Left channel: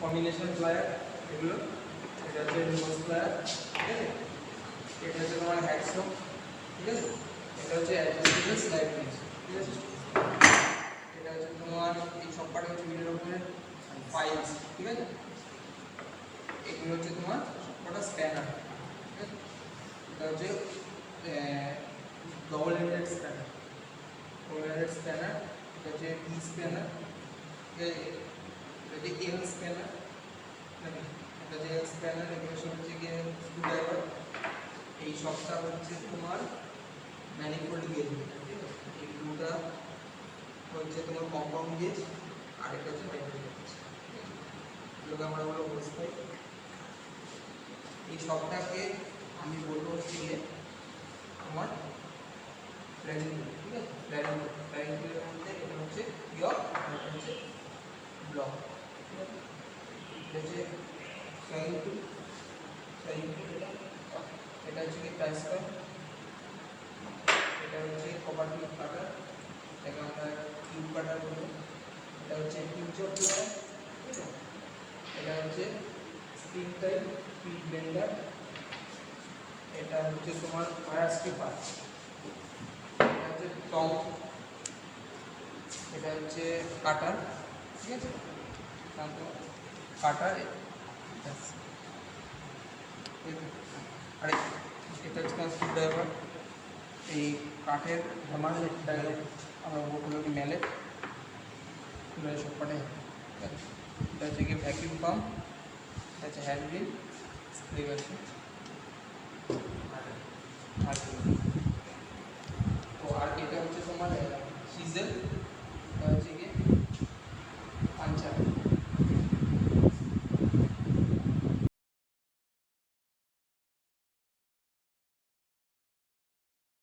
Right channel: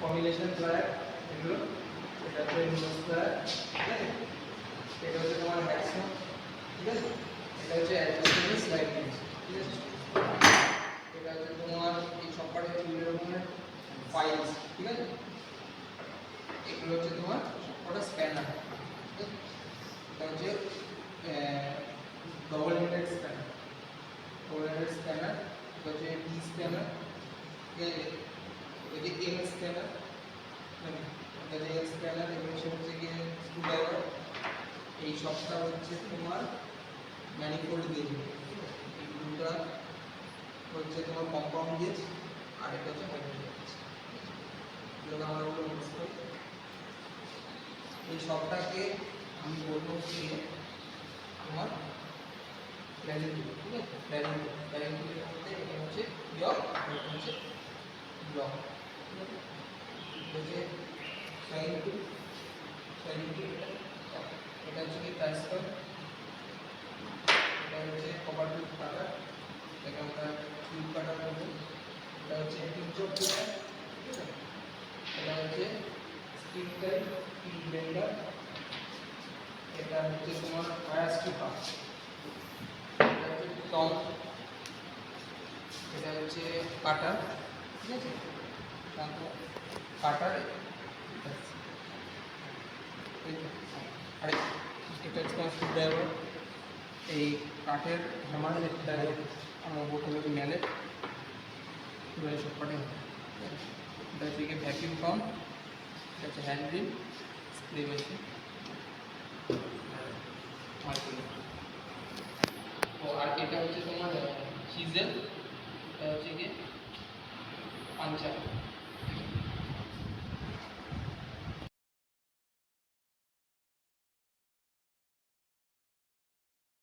Combination plier এগুলো। এটা হচ্ছে নোজ ঠিক আছে? এটা হচ্ছে তোমার হ্যাকসো ঠিক আছে? এটা হচ্ছে ঠিক আছে? এটা হচ্ছে তোমার এই সবকটা হচ্ছে বিভিন্ন রকমের ঠিক আছে? এগুলো হচ্ছে তোমার ঠিক এটা হচ্ছে double headed spanner double headed spanner এটা হচ্ছে টি স্প্যানার ঠিক আছে? এটা হচ্ছে এল স্ক্যানার এটা যে এল স্ক্যানার এগুলো সব হচ্ছে গিয়ে স্ক্রুড্রাইভার এই সবটা হচ্ছে তোমার ম্যানিফোল্ড গেজ এই ব্লুটা হচ্ছে তোমার কম্পাউন্ড গেজ আর এটা হচ্ছে হাইড্রোল গেজ এগুলোকে আমরা বলব এই সবটাকে আমি বলব হচ্ছে গিয়ে তোমার প্ল্যানিং ঠিক আছে প্ল্যানিং প্ল্যানিং মধ্যে এটা হচ্ছে ইয়র এটা হচ্ছে ব্লক ঠিক আছে এটা হচ্ছে সাইন টু সাইন টু এটা এটা হচ্ছে কি ট্রান্সফার এটা হচ্ছে কপার টিউব কাটার এটাকে আমরা টিউব কাটার বলব এটা হচ্ছে পিকচার প্লেয়ার ঠিক আছে এটা হচ্ছে স্টিক টাইপ স্পিড বেন্ডার এটা হচ্ছে তোমার ফায়ার স্টিপার এটা হচ্ছে টং এটা হচ্ছে কাটার ঠিক আছে? কাটার আর, এটা হচ্ছে তোমার স্ক্রুড্রাইভার এই কাঠের হ্যামার যেটা আমরা ওগুলোকে মেলে পুরো সব কটাই এটা হচ্ছে কি ভ্যাকিউম পাম্প হচ্ছে হ্যান্ডবিল স্প্রে মেশিন ও আর এটা হচ্ছে তোমার হিজেল হচ্ছে গিয়ে পাঞ্চার